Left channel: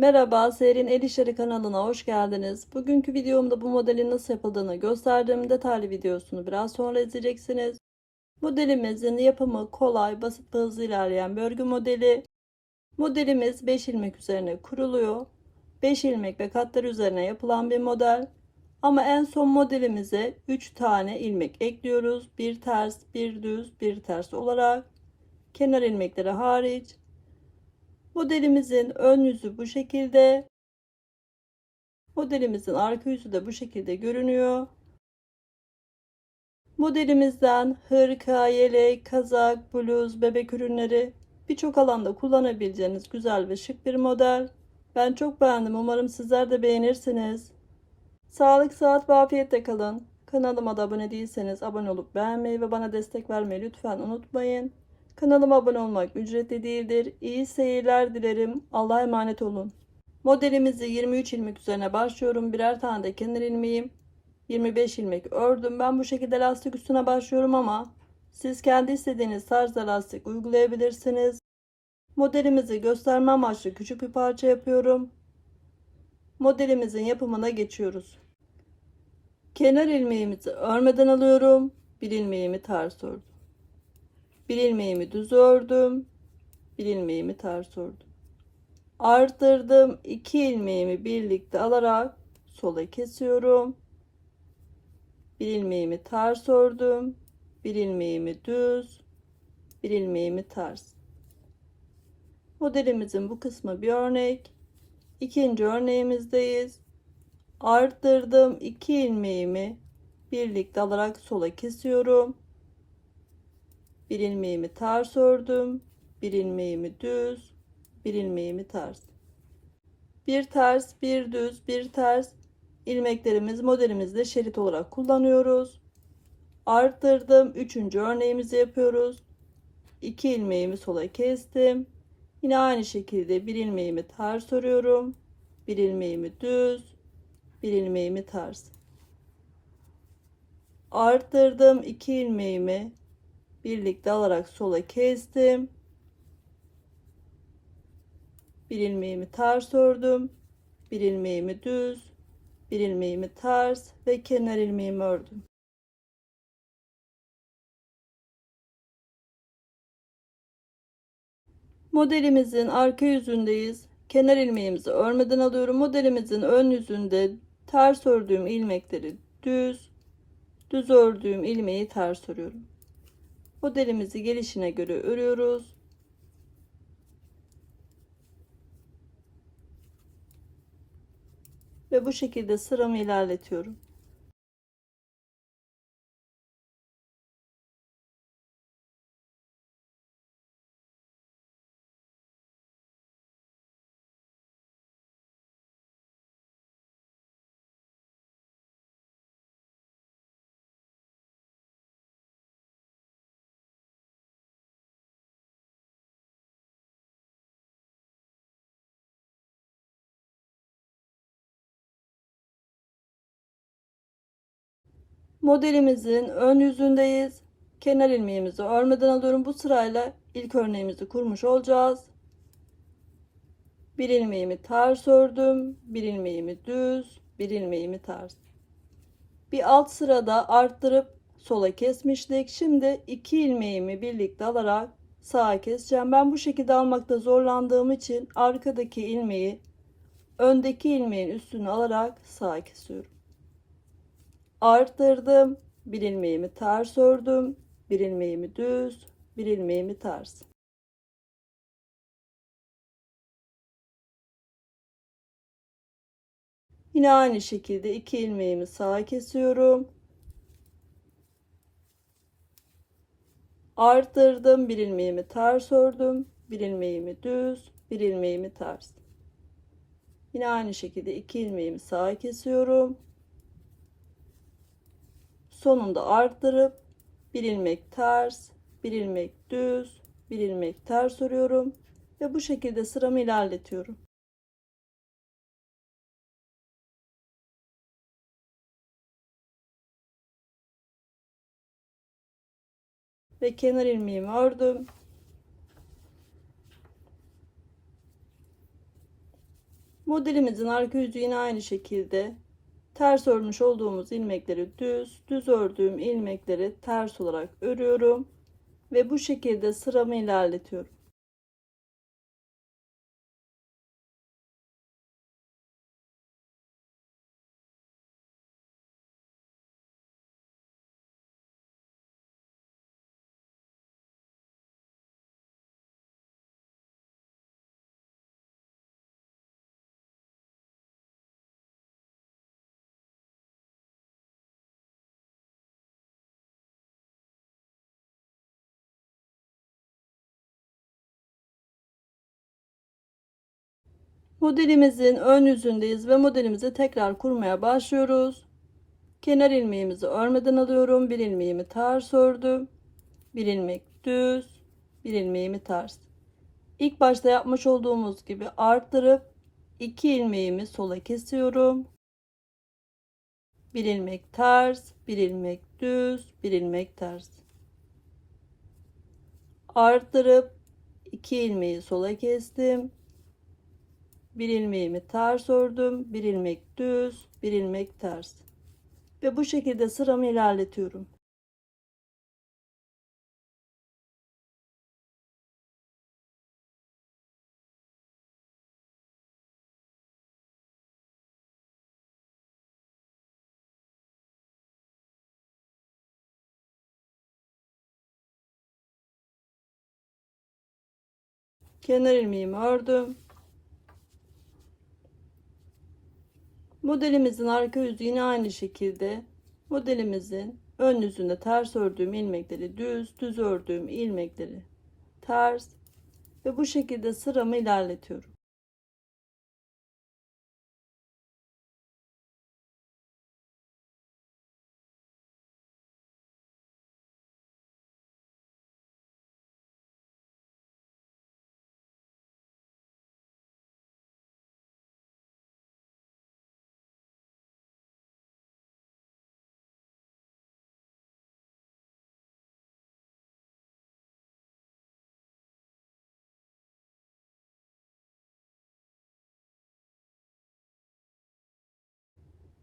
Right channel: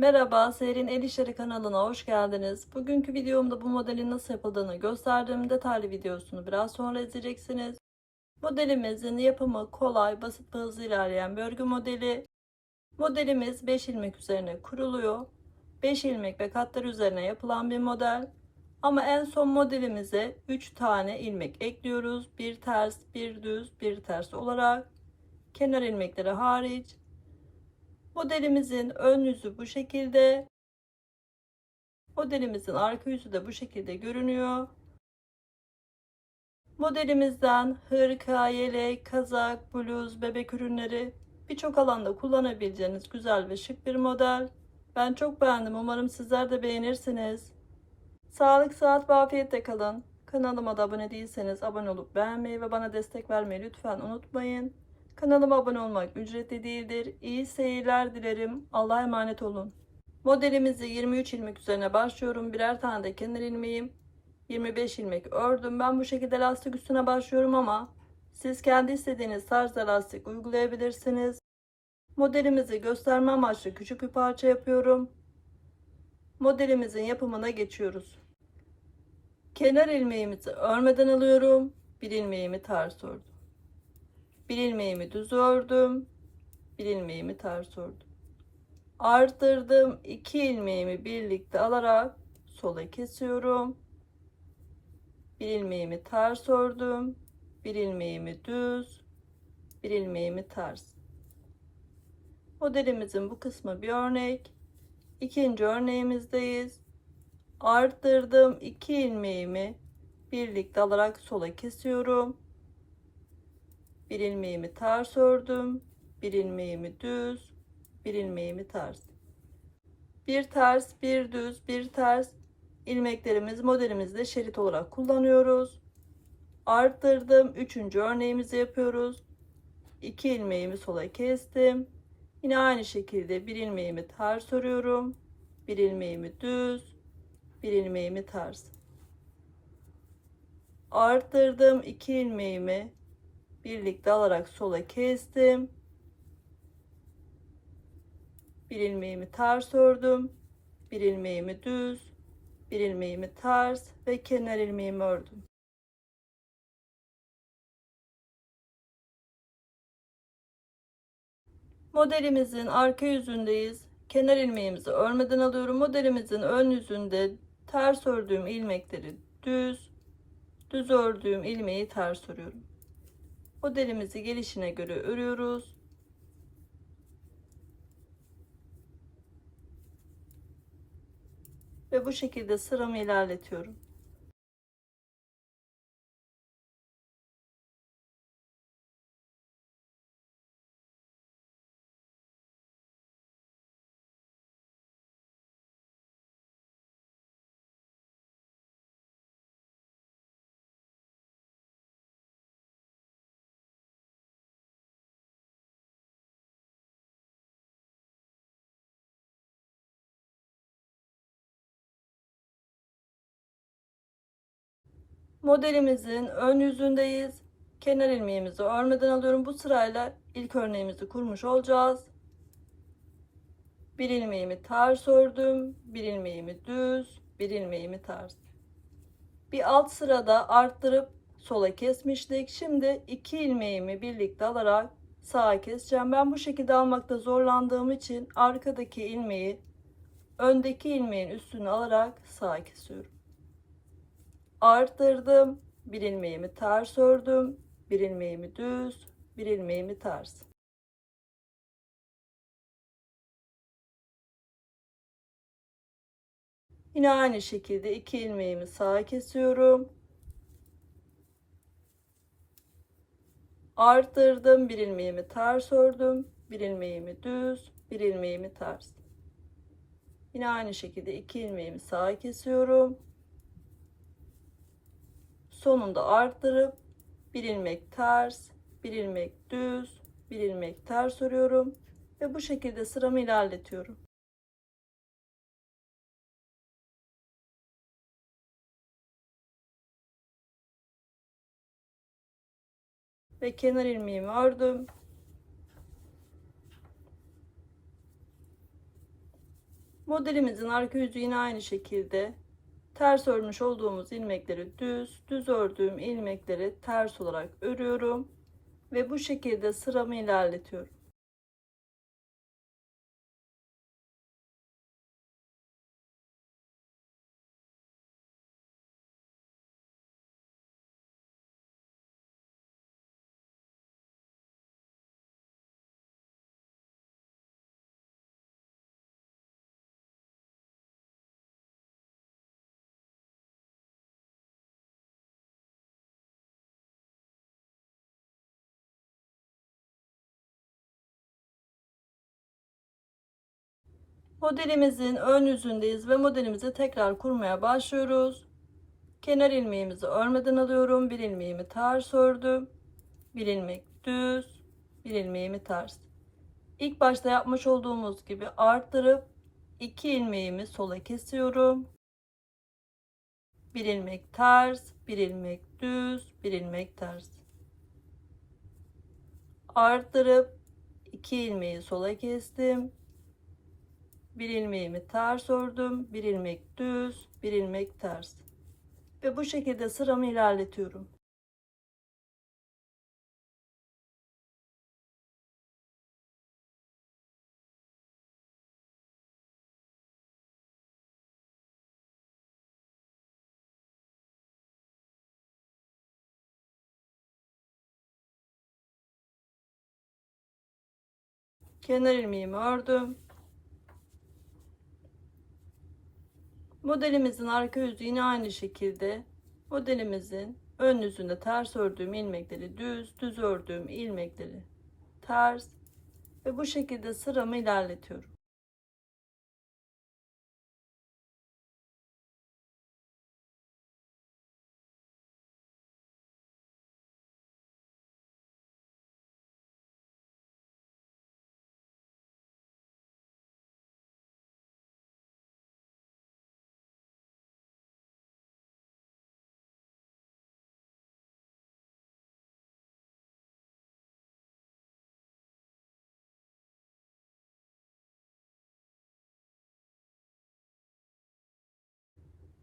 Merhaba, Serin El İşleri kanalına hoş geldiniz. Bugünkü videomda bu modelin nasıl yapıldığını gösterdim. Detaylı videosunu biraz sonra izleyeceksiniz. Modelimizin yapımı kolay, basit ve hızlı ilerleyen bir örgü modeli. Modelimiz 5 ilmek üzerine kuruluyor. 5 ilmek ve katlar üzerine yapılan bir model. Ama en son modelimize 3 tane ilmek ekliyoruz. Bir ters, bir düz, bir ters olarak. Kenar ilmekleri hariç. Modelimizin ön yüzü bu şekilde. Modelimizin arka yüzü de bu şekilde görünüyor. Modelimizden hırka, yelek, kazak, bluz, bebek ürünleri birçok alanda kullanabileceğiniz güzel ve şık bir model. Ben çok beğendim. Umarım sizler de beğenirsiniz. Sağlık, sıhhat ve afiyetle kalın. Kanalıma da abone değilseniz abone olup beğenmeyi ve bana destek vermeyi lütfen unutmayın. Kanalıma abone olmak ücretli değildir. İyi seyirler dilerim. Allah'a emanet olun. Modelimizi 23 ilmek üzerine başlıyorum. Birer tane de kenar ilmeğim. 25 ilmek ördüm. Ben bu şekilde lastik üstüne başlıyorum ama siz kendi istediğiniz tarzda lastik uygulayabilirsiniz. Modelimizi gösterme amaçlı küçük bir parça yapıyorum. Modelimizin yapımına geçiyoruz. Kenar ilmeğimizi örmeden alıyorum. Bir ilmeğimi ters ördüm. Bir ilmeğimi düz ördüm. Bir ilmeğimi ters ördüm. Arttırdım. iki ilmeğimi birlikte alarak sola kesiyorum. Bir ilmeğimi ters ördüm. Bir ilmeğimi düz. Bir ilmeğimi ters. Modelimizin bu kısmı bir örnek. İkinci örneğimizdeyiz. Arttırdım. iki ilmeğimi birlikte alarak sola kesiyorum bir ilmeğimi ters ördüm bir ilmeğimi düz bir ilmeğimi ters bir ters bir düz bir ters. İlmeklerimiz modelimizde şerit olarak kullanıyoruz. Arttırdım üçüncü örneğimizi yapıyoruz. 2 ilmeğimi sola kestim. Yine aynı şekilde bir ilmeğimi ters örüyorum bir ilmeğimi düz bir ilmeğimi ters arttırdım 2 ilmeğimi birlikte alarak sola kestim. Bir ilmeğimi ters ördüm. Bir ilmeğimi düz, bir ilmeğimi ters ve kenar ilmeğimi ördüm. Modelimizin arka yüzündeyiz. Kenar ilmeğimizi örmeden alıyorum. Modelimizin ön yüzünde ters ördüğüm ilmekleri düz, düz ördüğüm ilmeği ters örüyorum. Modelimizi gelişine göre örüyoruz. Ve bu şekilde sıramı ilerletiyorum. Modelimizin ön yüzündeyiz. Kenar ilmeğimizi örmeden alıyorum. Bu sırayla ilk örneğimizi kurmuş olacağız. Bir ilmeğimi ters ördüm. Bir ilmeğimi düz. Bir ilmeğimi ters. Bir alt sırada arttırıp sola kesmiştik. Şimdi iki ilmeğimi birlikte alarak sağa keseceğim. Ben bu şekilde almakta zorlandığım için arkadaki ilmeği öndeki ilmeğin üstüne alarak sağa kesiyorum arttırdım. Bir ilmeğimi ters ördüm. Bir ilmeğimi düz, bir ilmeğimi ters. Yine aynı şekilde iki ilmeğimi sağa kesiyorum. Arttırdım. Bir ilmeğimi ters ördüm. Bir ilmeğimi düz, bir ilmeğimi ters. Yine aynı şekilde iki ilmeğimi sağa kesiyorum sonunda arttırıp bir ilmek ters bir ilmek düz bir ilmek ters örüyorum ve bu şekilde sıramı ilerletiyorum. Ve kenar ilmeğimi ördüm. Modelimizin arka yüzü yine aynı şekilde ters örmüş olduğumuz ilmekleri düz, düz ördüğüm ilmekleri ters olarak örüyorum ve bu şekilde sıramı ilerletiyorum. Modelimizin ön yüzündeyiz ve modelimizi tekrar kurmaya başlıyoruz. Kenar ilmeğimizi örmeden alıyorum. Bir ilmeğimi ters ördüm. Bir ilmek düz, bir ilmeğimi ters. İlk başta yapmış olduğumuz gibi arttırıp iki ilmeğimi sola kesiyorum. Bir ilmek ters, bir ilmek düz, bir ilmek ters. Arttırıp iki ilmeği sola kestim bir ilmeğimi ters ördüm bir ilmek düz bir ilmek ters. Ve bu şekilde sıramı ilerletiyorum. Kenar ilmeğimi ördüm Modelimizin arka yüzü yine aynı şekilde modelimizin ön yüzünde ters ördüğüm ilmekleri düz, düz ördüğüm ilmekleri ters ve bu şekilde sıramı ilerletiyorum.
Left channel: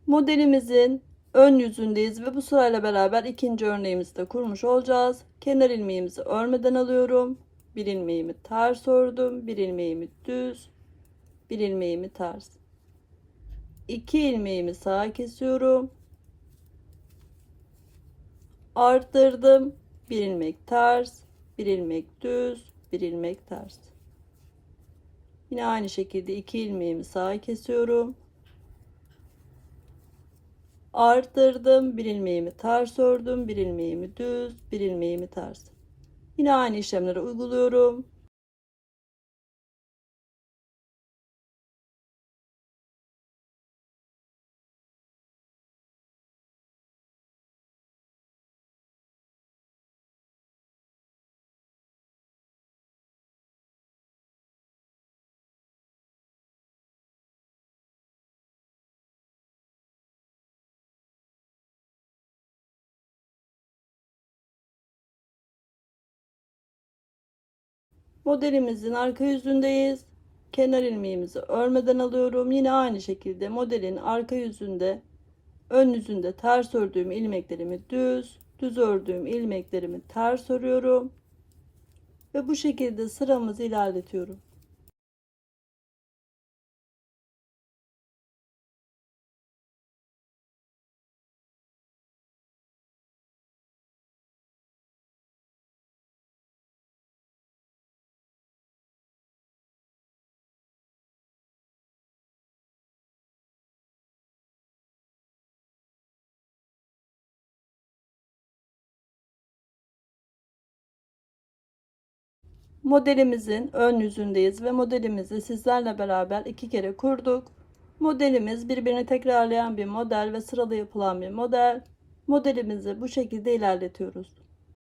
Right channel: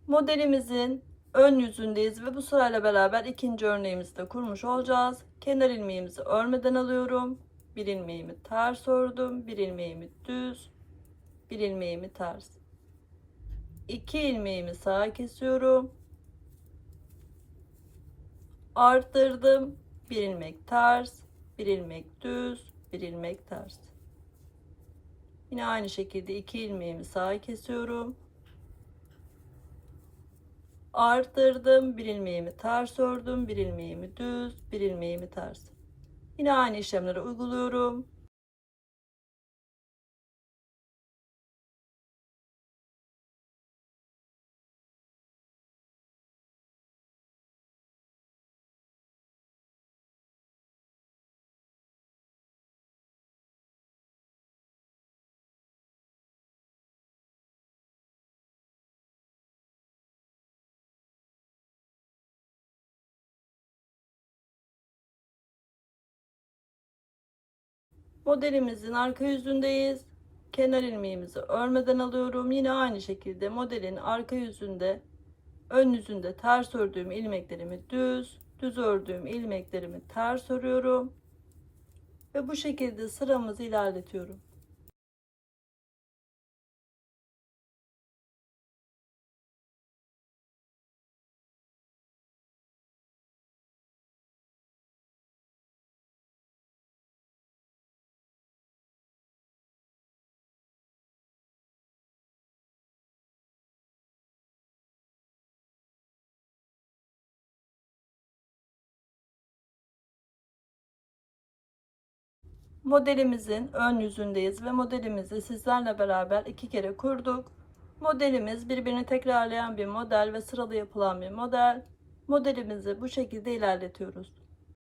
Modelimizin ön yüzündeyiz ve bu sırayla beraber ikinci örneğimizi de kurmuş olacağız. Kenar ilmeğimizi örmeden alıyorum. Bir ilmeğimi ters ördüm. Bir ilmeğimi düz. Bir ilmeğimi ters. İki ilmeğimi sağa kesiyorum. Arttırdım. Bir ilmek ters. Bir ilmek düz. Bir ilmek ters. Yine aynı şekilde iki ilmeğimi sağa kesiyorum arttırdım bir ilmeğimi ters ördüm bir ilmeğimi düz bir ilmeğimi ters. Yine aynı işlemleri uyguluyorum Modelimizin arka yüzündeyiz. Kenar ilmeğimizi örmeden alıyorum. Yine aynı şekilde modelin arka yüzünde ön yüzünde ters ördüğüm ilmeklerimi düz, düz ördüğüm ilmeklerimi ters örüyorum. Ve bu şekilde sıramızı ilerletiyorum. Modelimizin ön yüzündeyiz ve modelimizi sizlerle beraber iki kere kurduk. Modelimiz birbirini tekrarlayan bir model ve sıralı yapılan bir model. Modelimizi bu şekilde ilerletiyoruz.